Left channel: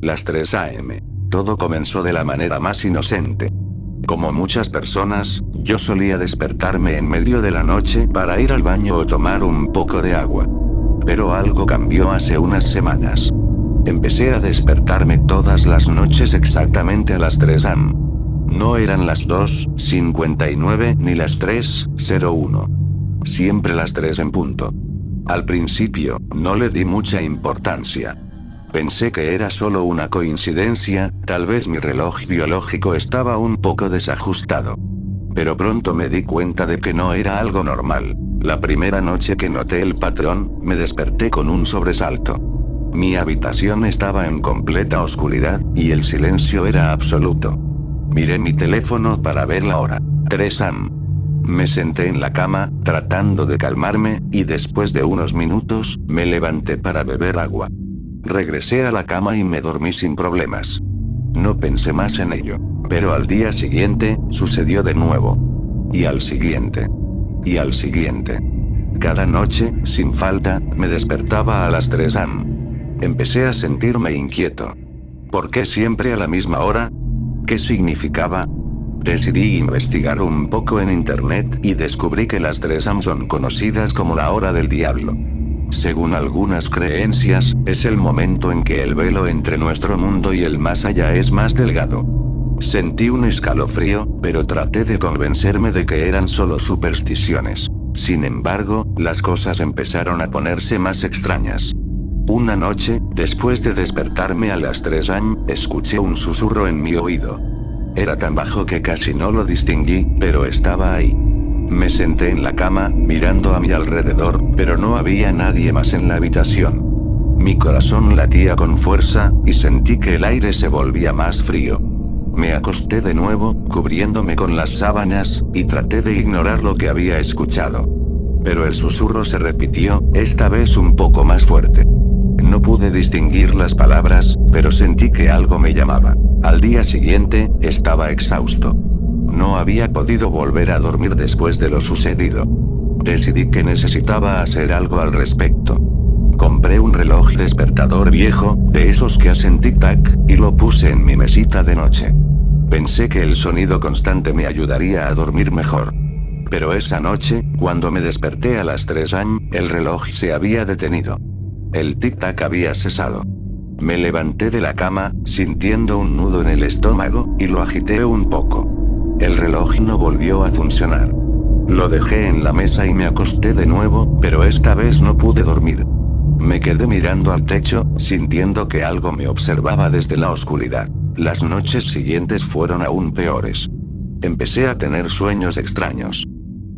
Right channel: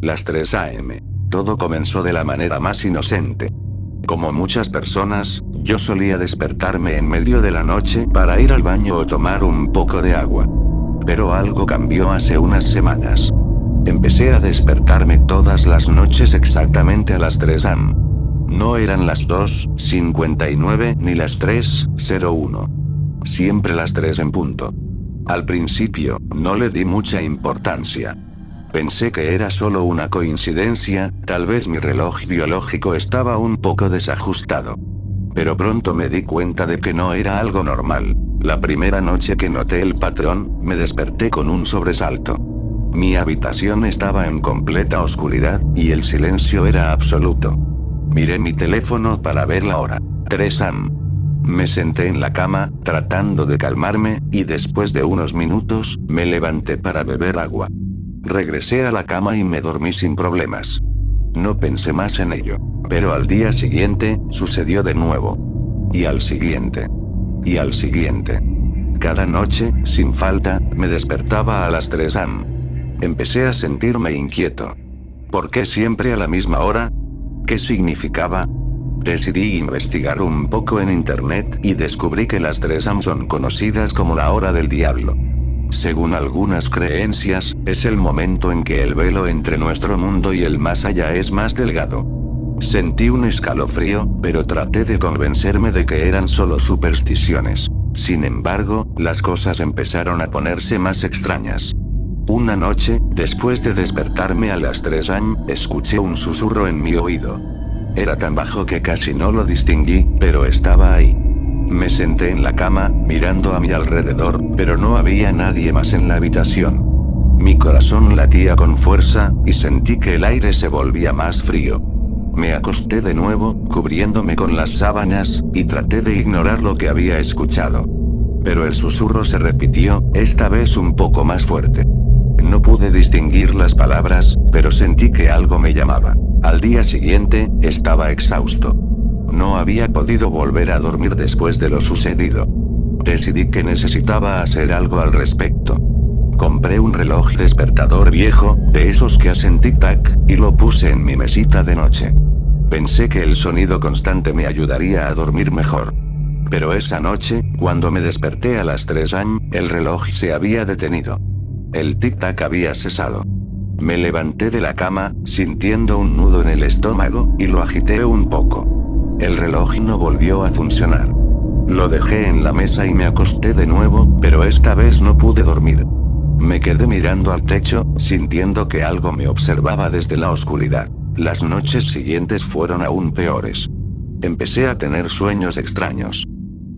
Las 3 a.m. Todo comenzó de la manera más inocente. Como muchas personas, yo solía despertarme en medio de la noche para ir al baño o tomar un poco de agua. Pero algo cambió hace unas semanas. Empecé a despertarme todas las noches exactamente a las 3 am. No eran las 2:59 ni las 3:01. Siempre las 3 en punto. Al principio, no le di mucha importancia. Pensé que era solo una coincidencia, tal vez mi reloj biológico estaba un poco desajustado. Pero pronto me di cuenta de que no era algo normal. La primera noche que noté el patrón, me desperté con un sobresalto. Mi habitación estaba en completa oscuridad, y el silencio era absoluto. Miré mi teléfono para ver la hora. 3 am. Me senté en la cama, tratando de calmarme, y después de unos minutos, me levanté para beber agua. Regresé a la cama y me dormí sin problemas. No pensé más en ello. Pero al día siguiente, sucedió de nuevo. Y al siguiente. Y al siguiente. Cada noche, sin falta, me despertaba a las 3 am. Empecé a sentirme inquieto. ¿Por qué siempre a la misma hora? ¿Qué significaba? Decidí investigar un poco en internet y descubrí que las 3 am son conocidas como la hora del diablo. Según algunas creencias, es el momento en que el velo entre nuestro mundo y el más allá es más delgado. Sentí un escalofrío, pero traté de convencerme de que eran solo supersticiones. Sin embargo, las cosas empezaron a ponerse más extrañas. Una noche, después de despertarme a las 3 am, escuché un susurro en mi oído. Era tan bajo que casi no lo distinguí, pero estaba ahí. Me senté en la cama, mirando a mi alrededor, pero no había nadie más en la habitación. Mi corazón latía con fuerza, y sentí que el aire se volvía más frío. Me acosté de nuevo, cubriéndome con las sábanas, y traté de ignorar lo que había escuchado. Pero el susurro se repitió, esta vez un poco más fuerte. No pude distinguir las palabras, pero sentí que algo me llamaba. Al día siguiente, estaba exhausto. No había podido volver a dormir después de lo sucedido. Decidí que necesitaba hacer algo al respecto. Compré un reloj despertador viejo, de esos que hacen tic-tac, y lo puse en mi mesita de noche. Pensé que el sonido constante me ayudaría a dormir mejor. Pero esa noche, cuando me desperté a las 3 am, el reloj se había detenido. El tic-tac había cesado. Me levanté de la cama, sintiendo un nudo en el estómago, y lo agité un poco. El reloj no volvió a funcionar. Lo dejé en la mesa y me acosté de nuevo, pero esta vez no pude dormir. Me quedé mirando al techo, sintiendo que algo me observaba desde la oscuridad. Las noches siguientes fueron aún peores. Empecé a tener sueños extraños.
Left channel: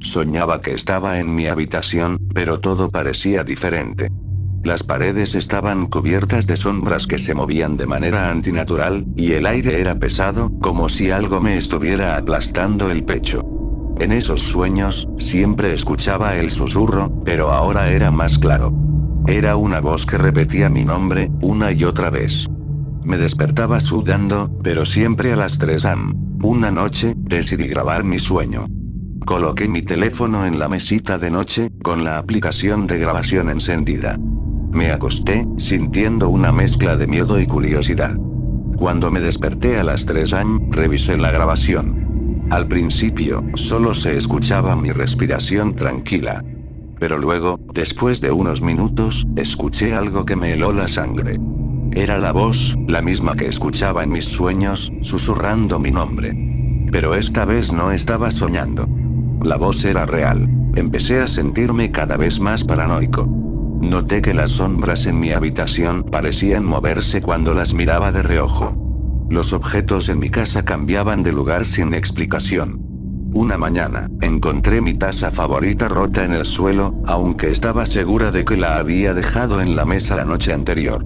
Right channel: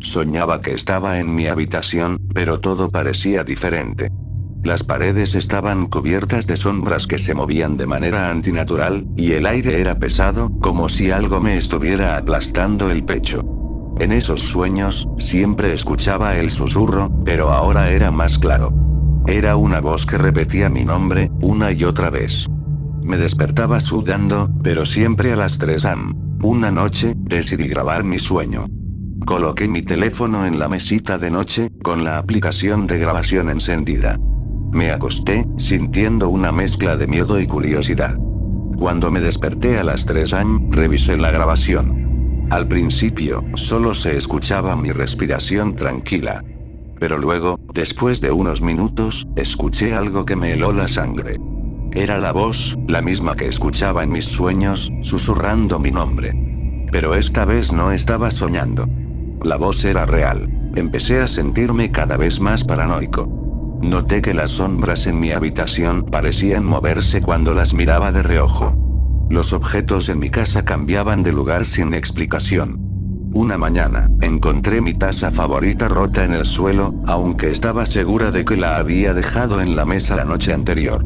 Soñaba que estaba en mi habitación, pero todo parecía diferente. Las paredes estaban cubiertas de sombras que se movían de manera antinatural, y el aire era pesado, como si algo me estuviera aplastando el pecho. En esos sueños, siempre escuchaba el susurro, pero ahora era más claro. Era una voz que repetía mi nombre, una y otra vez. Me despertaba sudando, pero siempre a las 3 am. Una noche, decidí grabar mi sueño. Coloqué mi teléfono en la mesita de noche, con la aplicación de grabación encendida. Me acosté, sintiendo una mezcla de miedo y curiosidad. Cuando me desperté a las 3 am, revisé la grabación. Al principio, solo se escuchaba mi respiración tranquila. Pero luego, después de unos minutos, escuché algo que me heló la sangre. Era la voz, la misma que escuchaba en mis sueños, susurrando mi nombre. Pero esta vez no estaba soñando. La voz era real. Empecé a sentirme cada vez más paranoico. Noté que las sombras en mi habitación parecían moverse cuando las miraba de reojo. Los objetos en mi casa cambiaban de lugar sin explicación. Una mañana, encontré mi taza favorita rota en el suelo, aunque estaba segura de que la había dejado en la mesa la noche anterior.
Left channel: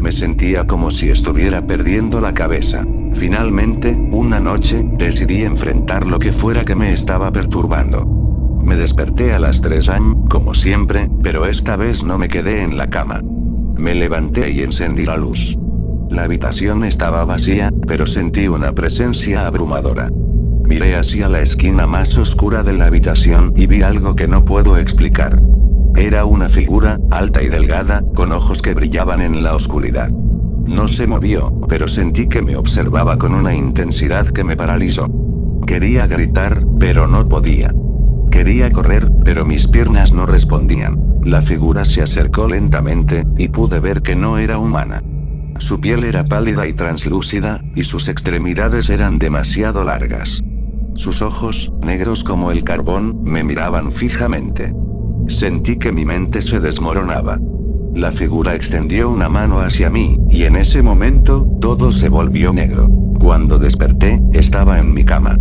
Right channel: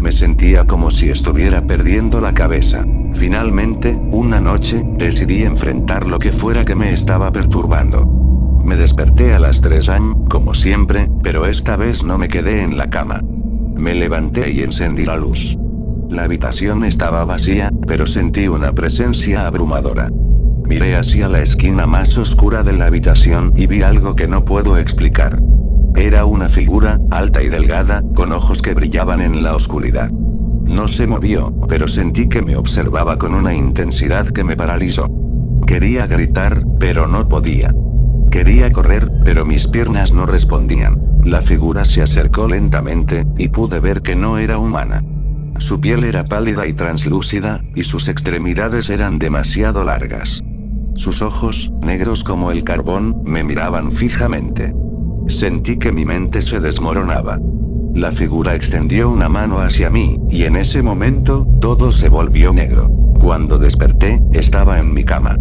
Me sentía como si estuviera perdiendo la cabeza. Finalmente, una noche, decidí enfrentar lo que fuera que me estaba perturbando. Me desperté a las 3 am, como siempre, pero esta vez no me quedé en la cama. Me levanté y encendí la luz. La habitación estaba vacía, pero sentí una presencia abrumadora. Miré hacia la esquina más oscura de la habitación y vi algo que no puedo explicar. Era una figura, alta y delgada, con ojos que brillaban en la oscuridad. No se movió, pero sentí que me observaba con una intensidad que me paralizó. Quería gritar, pero no podía. Quería correr, pero mis piernas no respondían. La figura se acercó lentamente, y pude ver que no era humana. Su piel era pálida y translúcida, y sus extremidades eran demasiado largas. Sus ojos, negros como el carbón, me miraban fijamente. Sentí que mi mente se desmoronaba. La figura extendió una mano hacia mí, y en ese momento, todo se volvió negro. Cuando desperté, estaba en mi cama.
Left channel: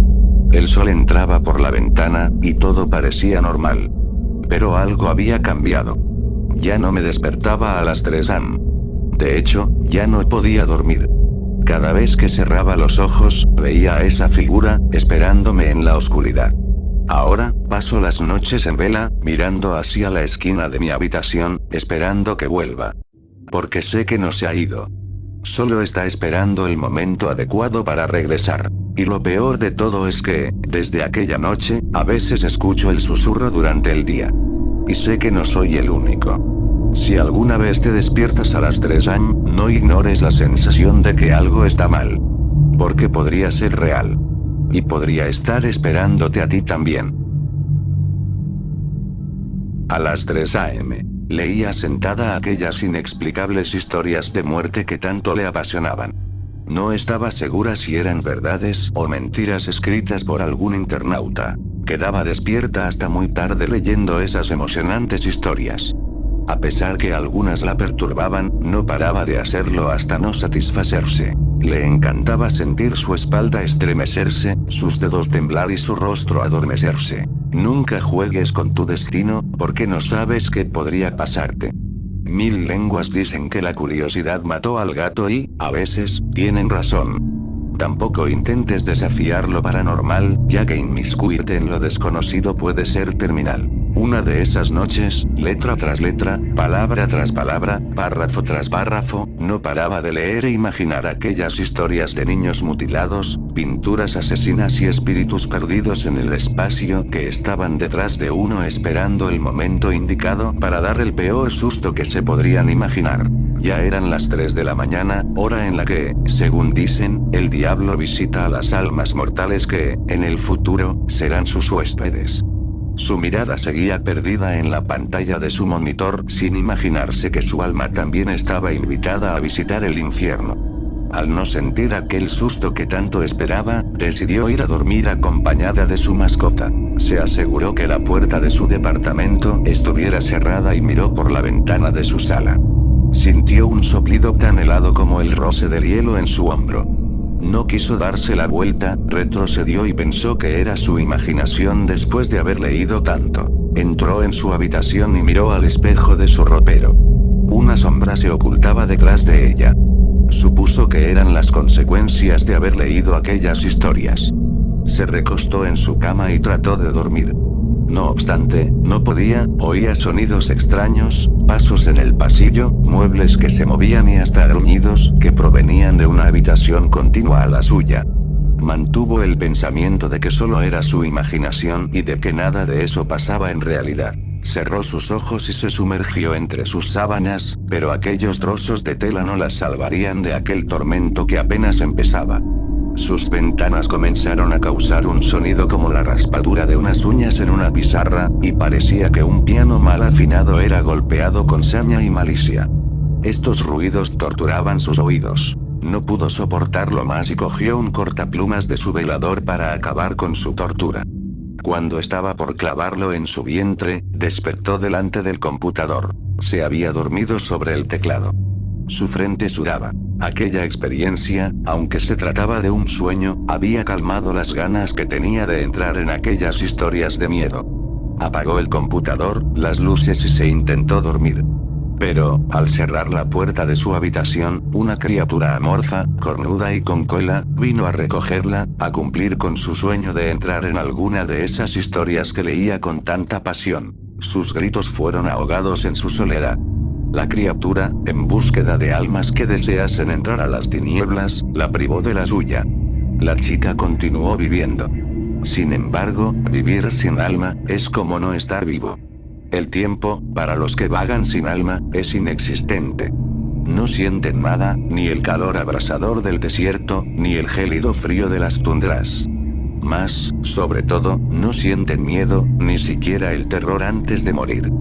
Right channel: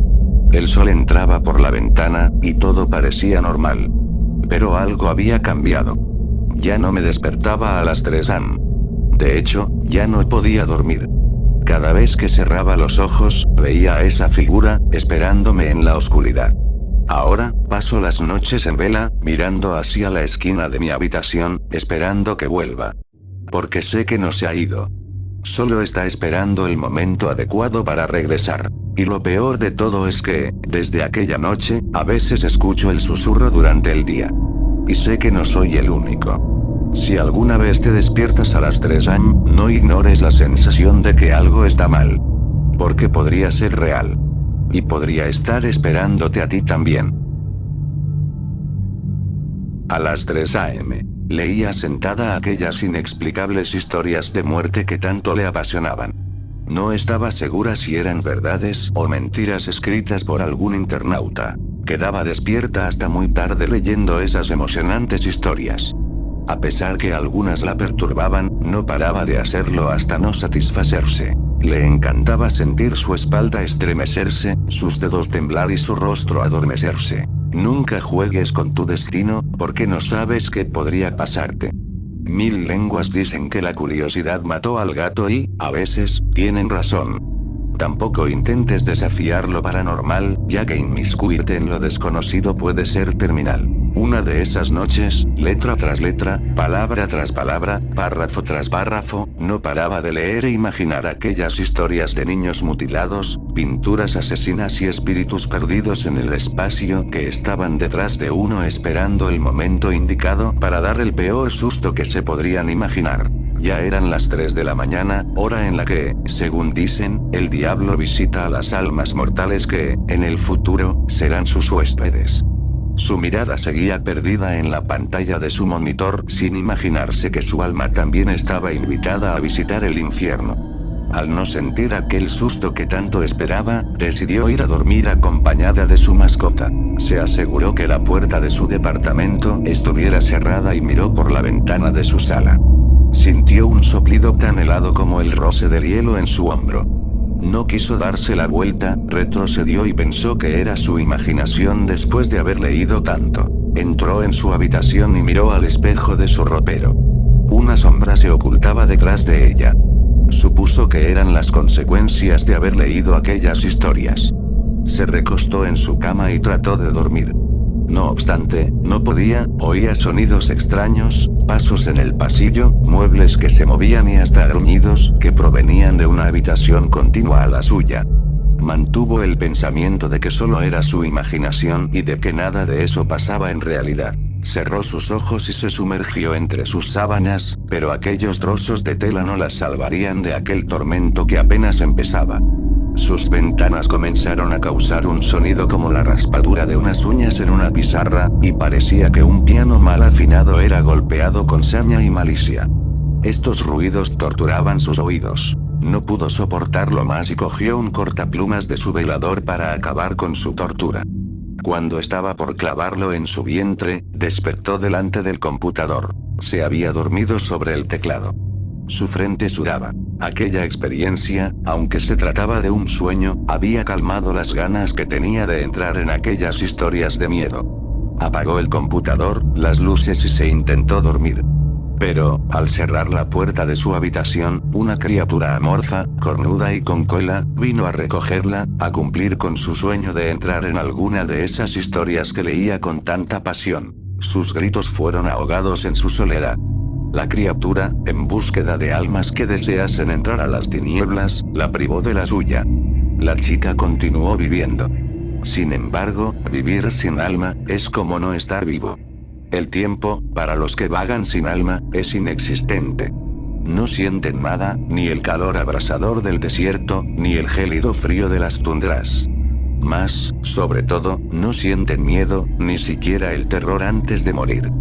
El sol entraba por la ventana, y todo parecía normal. Pero algo había cambiado. Ya no me despertaba a las 3 am. De hecho, ya no podía dormir. Cada vez que cerraba los ojos, veía a esa figura, esperándome en la oscuridad. Ahora, paso las noches en vela, mirando hacia la esquina de mi habitación, esperando que vuelva. Porque sé que no se ha ido. Solo está esperando el momento adecuado para regresar. Y lo peor de todo es que, desde aquella noche, a veces escucho el susurro durante el día. Y sé que no soy el único. Si alguna vez te despiertas a las 3 am, no ignores la sensación de que algo está mal. Porque podría ser real. Y podría estar esperándote a ti también. A las 3 am. Leía sentada aquellas inexplicables historias de muerte que tanto le apasionaban. No estaba segura si eran verdades o mentiras escritas por algún internauta. Quedaba despierta hasta muy tarde leyendo esas emocionantes historias. A pesar que algunas la perturbaban, no paraba de hacerlo hasta no satisfacerse. Le encantaba sentir su espalda estremecerse, sus dedos temblar y su rostro adormecerse. Nunca juegues con tu destino, porque no sabes qué podría pasarte. Mil lenguas dicen que la curiosidad mató al gato y, a veces, tienen razón. Tampoco intentes desafiar lo paranormal, ya que inmiscuirte en lo desconocido puede ser terminal. Una de esas noches, letra tras letra, palabra tras palabra, párrafo tras párrafo, no paraba de leer e imaginar aquellas historias de niños mutilados, pinturas asesinas y espíritus perdidos en el espacio que estaban detrás de uno esperando el momento indicado para dar el peor susto que se podrían imaginar. Ya eran las 3 de la mañana, hora en la que, según dicen, el diablo visita a las almas mortales que, en el futuro, serán sus huéspedes. Su mirada seguía perdida en la pantalla de su monitor, sin imaginarse que su alma también estaba invitada a visitar el infierno. Al no sentir aquel susto que tanto esperaba, decidió ir a dormir acompañada de su mascota. Se aseguró que la puerta de su departamento estuviera cerrada y miró por la ventana de su sala. Sintió un soplido tan helado como el roce del hielo en su hombro. No quiso darse la vuelta, retrocedió y pensó que era su imaginación después de haber leído tanto. Entró en su habitación y miró al espejo de su ropero. Una sombra se ocultaba detrás de ella. Supuso que eran las consecuencias de haber leído aquellas historias. Se recostó en su cama y trató de dormir. No obstante, no podía, oía sonidos extraños, pasos en el pasillo, muebles que se movían y hasta gruñidos que provenían de una habitación contigua a la suya. Mantuvo el pensamiento de que solo era su imaginación y de que nada de eso pasaba en realidad. Cerró sus ojos y se sumergió entre sus sábanas, pero aquellos trozos de tela no la salvarían de aquel tormento que apenas empezaba. Sus ventanas comenzaron a causar un sonido como la raspadura de unas uñas en una pizarra, y parecía que un piano mal afinado era golpeado con saña y malicia. Estos ruidos torturaban sus oídos. No pudo soportarlo más y cogió un cortaplumas de su velador para acabar con su tortura. Cuando estaba por clavarlo en su vientre, despertó delante del computador. Se había dormido sobre el teclado. Su frente sudaba. Aquella experiencia, aunque se trataba de un sueño, había calmado las ganas que tenía de entrar en aquellas historias de miedo. Apagó el computador, las luces y se intentó dormir. Pero, al cerrar la puerta de su habitación, una criatura amorfa, cornuda y con cola, vino a recogerla, a cumplir con su sueño de entrar en alguna de esas historias que leía con tanta pasión. Sus gritos fueron ahogados en su soledad. La criatura, en búsqueda de almas que deseasen entrar a las tinieblas, la privó de la suya. La chica continuó viviendo. Sin embargo, vivir sin alma, es como no estar vivo. El tiempo, para los que vagan sin alma, es inexistente. no sienten nada, ni el calor abrasador del desierto, ni el gélido frío de las tundras. Más, sobre todo, no sienten miedo, ni siquiera el terror antes de morir.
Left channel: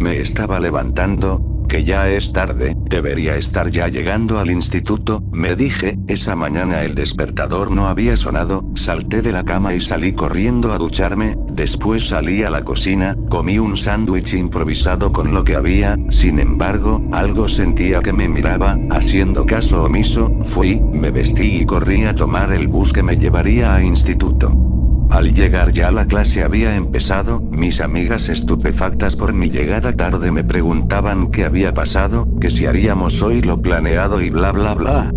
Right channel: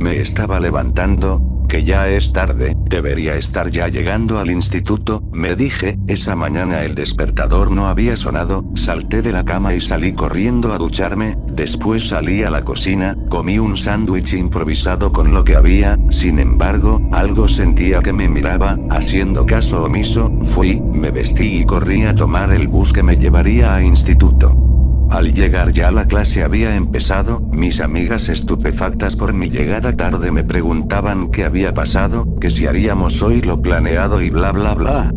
Me estaba levantando, que ya es tarde, debería estar ya llegando al instituto, me dije. Esa mañana el despertador no había sonado, salté de la cama y salí corriendo a ducharme, después salí a la cocina, comí un sándwich improvisado con lo que había, sin embargo, algo sentía que me miraba, haciendo caso omiso, fui, me vestí y corrí a tomar el bus que me llevaría a instituto. Al llegar ya la clase había empezado, mis amigas estupefactas por mi llegada tarde me preguntaban qué había pasado, que si haríamos hoy lo planeado y bla bla bla.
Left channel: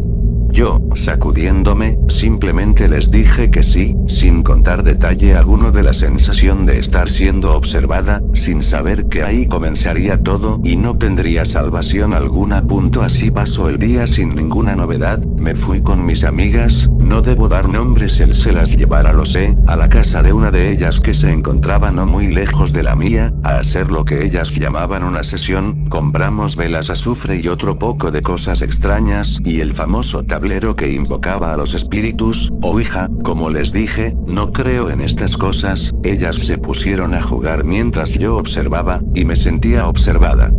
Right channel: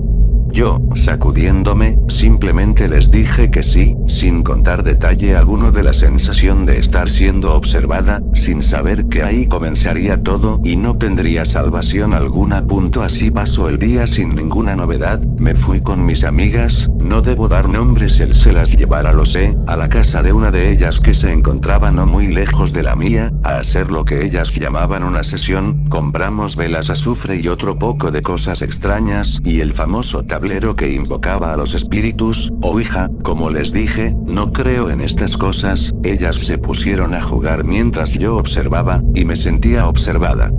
Yo, sacudiéndome, simplemente les dije que sí, sin contar detalle alguno de la sensación de estar siendo observada, sin saber que ahí comenzaría todo y no tendría salvación alguna. Así pasó el día sin ninguna novedad, me fui con mis amigas, no debo dar nombres, él se las llevara lo sé, a la casa de una de ellas que se encontraba no muy lejos de la mía, a hacer lo que ellas llamaban una sesión, compramos velas, azufre y otro poco de cosas extrañas, y el famoso tablero que invocaba a los espíritus, Ouija, como les dije, no creo en estas cosas, ellas se pusieron a jugar mientras yo observaba, y me sentía observada.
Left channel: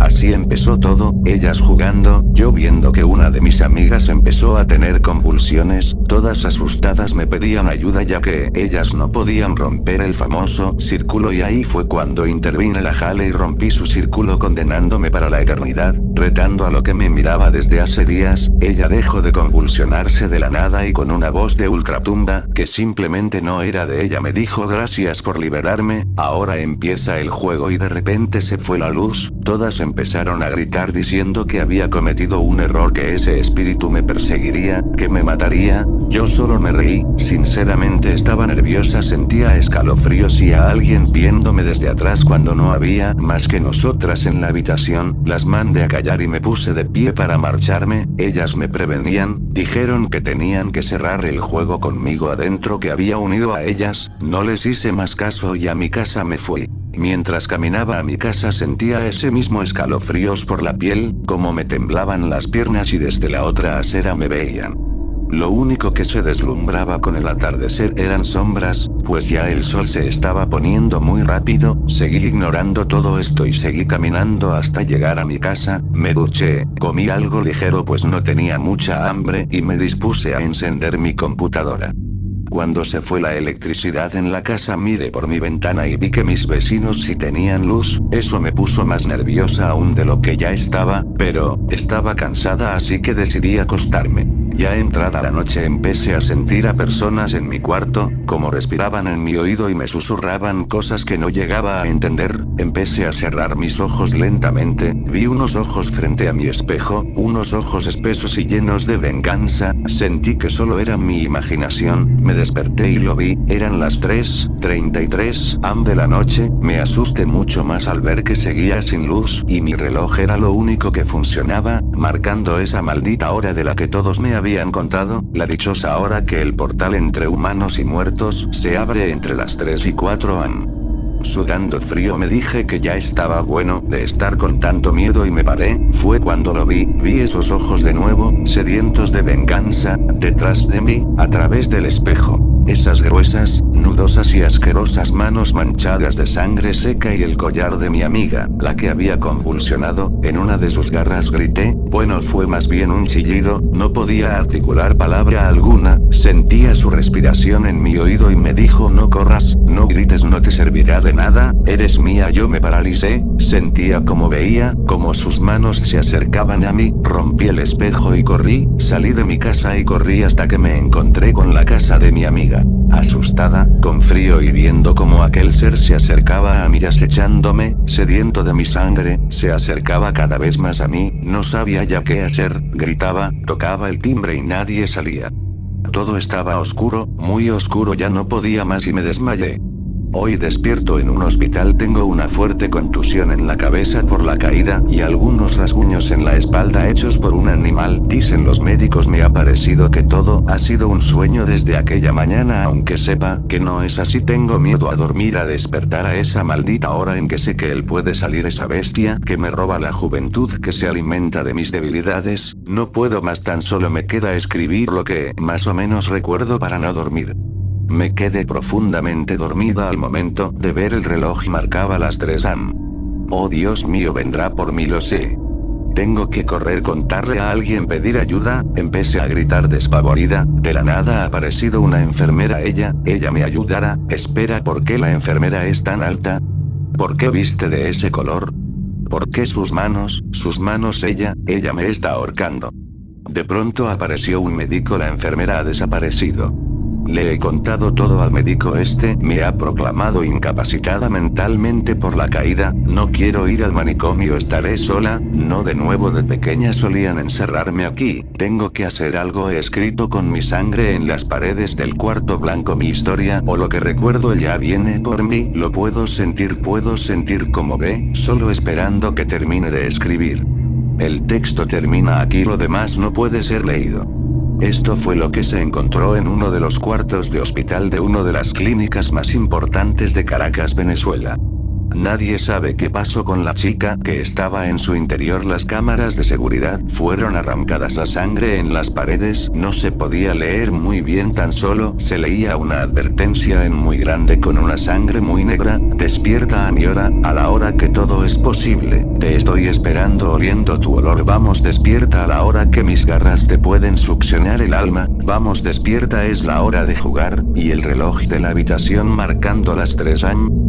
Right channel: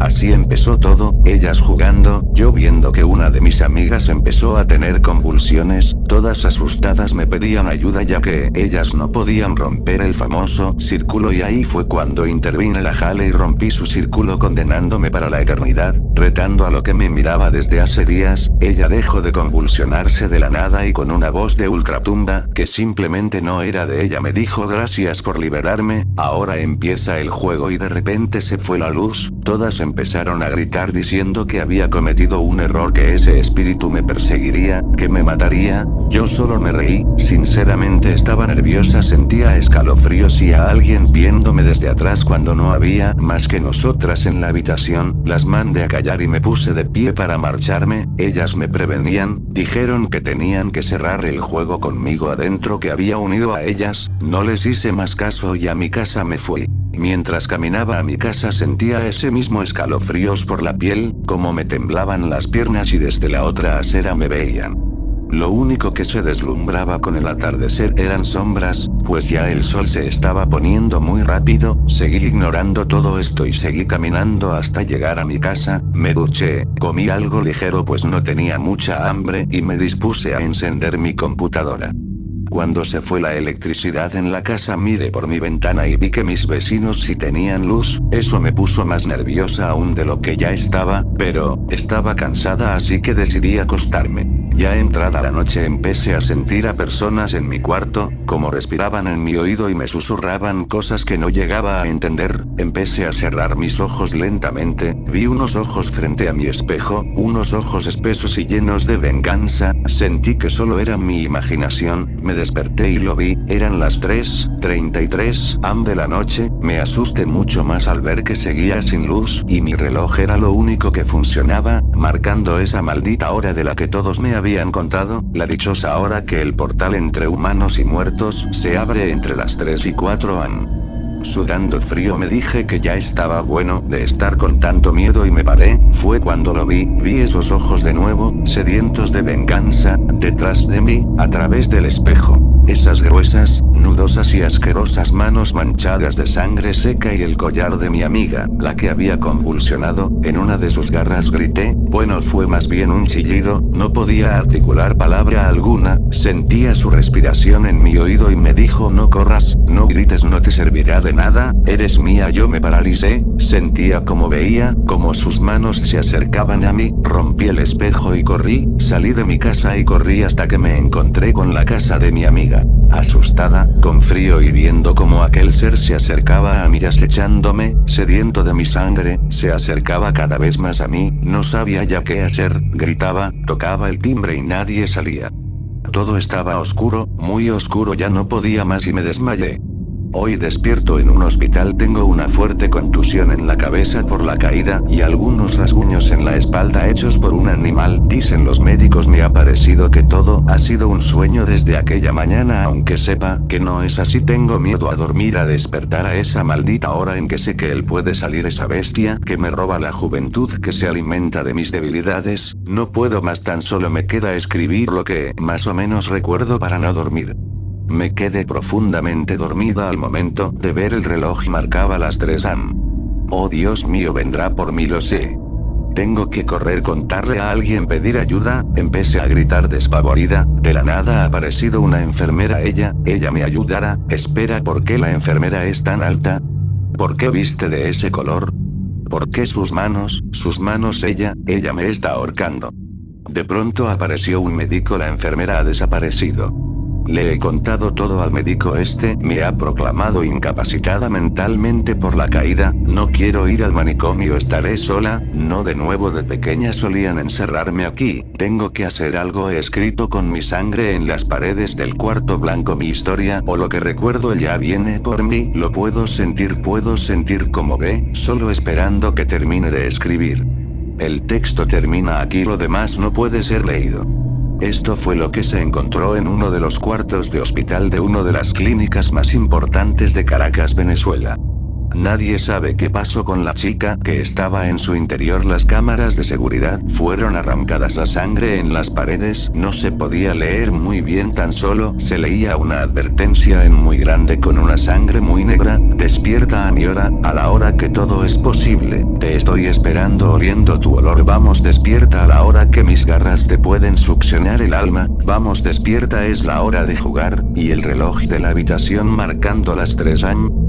Así empezó todo, ellas jugando, yo viendo que una de mis amigas empezó a tener convulsiones, todas asustadas me pedían ayuda ya que ellas no podían romper el famoso círculo y ahí fue cuando intervine, la jalé y rompí su círculo condenándome para la eternidad, retando a lo que me miraba desde hace días. Ella dejó de convulsionarse de la nada y con una voz de ultratumba, que simplemente no era de ella, me dijo gracias por liberarme, ahora empieza el juego y de repente se fue la luz, todas empezaron a gritar diciendo que había cometido un error, que ese espíritu me perseguiría, que me mataría, yo solo me reí, sinceramente estaba nerviosa, sentía escalofríos y a alguien viéndome desde atrás cuando no había más que nosotras en la habitación, las mandé a callar y me puse de pie para marcharme, ellas me prevenían, dijeron que tenían que cerrar el juego conmigo adentro, que había unido a ellas, no les hice más caso y a mi casa me fui. Mientras caminaba a mi casa sentía ese mismo escalofríos por la piel, como me temblaban las piernas y desde la otra acera me veían. Lo único que se deslumbraba con el atardecer eran sombras, pues ya el sol se estaba poniendo muy rápido, seguí ignorando todo esto y seguí caminando hasta llegar a mi casa, me duché, comí algo ligero pues no tenía mucha hambre y me dispuse a encender mi computadora. Cuando se fue la electricidad en la casa miré por mi ventana y vi que mis vecinos sí tenían luz, eso me puso más nerviosa aún de lo que ya estaba, pero, estaba cansada así que decidí acostarme. Ya entrada la noche empecé a sentir a personas en mi cuarto, como respiraban en mi oído y me susurraban cosas que no llegaba a entender, empecé a cerrar mis ojos lentamente, vi unos ojos frente a mi espejo, unos ojos espesos y llenos de venganza, sentí que solo era mi imaginación, me desperté y lo vi, eran las 3:33 am de la noche, me asusté mucho más al ver que seguía sin luz, y mi reloj era lo único que funcionaba, marcando esa maldita hora de la que todos me habían contado, la dichosa hora que el portal entre humanos y muertos se abre entre las 3 y 4 am. Sudando frío me dije que ya estaba bueno de estar con tanto miedo y me paré, fue cuando lo vi esos ojos de nuevo, sedientos de venganza, detrás de mí, a través del espejo. Esas gruesas, nudosas y asquerosas manos manchadas de sangre seca y el collar de mi amiga, la que había convulsionado, en una de sus garras grité, bueno fue más bien un chillido, no podía articular palabra alguna, sentía su respiración en mi oído y me dijo no corras, no grites, no te servirá de nada, eres mía. Yo me paralicé, sentía como veía, como sus manos se acercaban a mí, rompí el espejo y corrí, salí de mi casa y corrí hasta que me encontré con la casa de mi amiga. Asustada, con frío y viendo como aquel ser se acercaba a mí acechándome, sediento de mi sangre, se acercaba cada vez más a mí, no sabía ya qué hacer, gritaba, tocaba el timbre y nadie salía. Todo estaba oscuro, muy oscuro, ya no podía más y me desmayé. Hoy despierto en un hospital, tengo una fuerte contusión en la cabeza por la caída, y algunos rasguños en la espalda hechos por un animal. Dicen los médicos, me ha parecido que todo ha sido un sueño desde aquella mañana, aunque sepa que no es así. Tengo miedo a dormir, a despertar a esa maldita hora en que sé que él puede salir, esa bestia que me roba la juventud, que se alimenta de mis debilidades. No puedo más, tan solo me queda escribir lo que más o menos recuerdo para no dormir. Me quedé profundamente dormida al momento de ver el reloj, marcaba las 3 am. Oh Dios mío, vendrá por mí, lo sé. Tengo que correr, contarle a alguien, pedir ayuda. Empecé a gritar despavorida. De la nada ha aparecido una enfermera. Ella me ayudará. Espera, ¿por qué la enfermera es tan alta? ¿Por qué viste de ese color? ¿Por qué sus manos, ella me está ahorcando? De pronto apareció un médico, la enfermera ha desaparecido. Le he contado todo al médico, me ha proclamado incapacitada mentalmente por la caída. No quiero ir al manicomio, estaré sola. No, de nuevo, de pequeña solían encerrarme aquí. Tengo que hacer algo, he escrito con mi sangre en las paredes del cuarto blanco mi historia, o lo que recuerdo. Ella viene por mí, lo puedo sentir como ve, solo esperando que termine de escribir. El texto termina aquí, lo demás no puede ser leído. Esto fue lo que se encontró en uno de los cuartos de hospital de una de las clínicas más importantes de Caracas, Venezuela. Nadie sabe qué pasó con la chica que estaba en su interior. Las cámaras de seguridad fueron arrancadas, la sangre en las paredes no se podía leer muy bien, tan solo se leía una advertencia en muy grande con una sangre muy negra: despierta a mi hora, a la hora que todo es posible, te estoy esperando oliendo tu olor, vamos despierta a la hora que mis garras te pueden succionar el alma, vamos despierta, es la hora de jugar. Y el reloj de la habitación marcando las 3 am.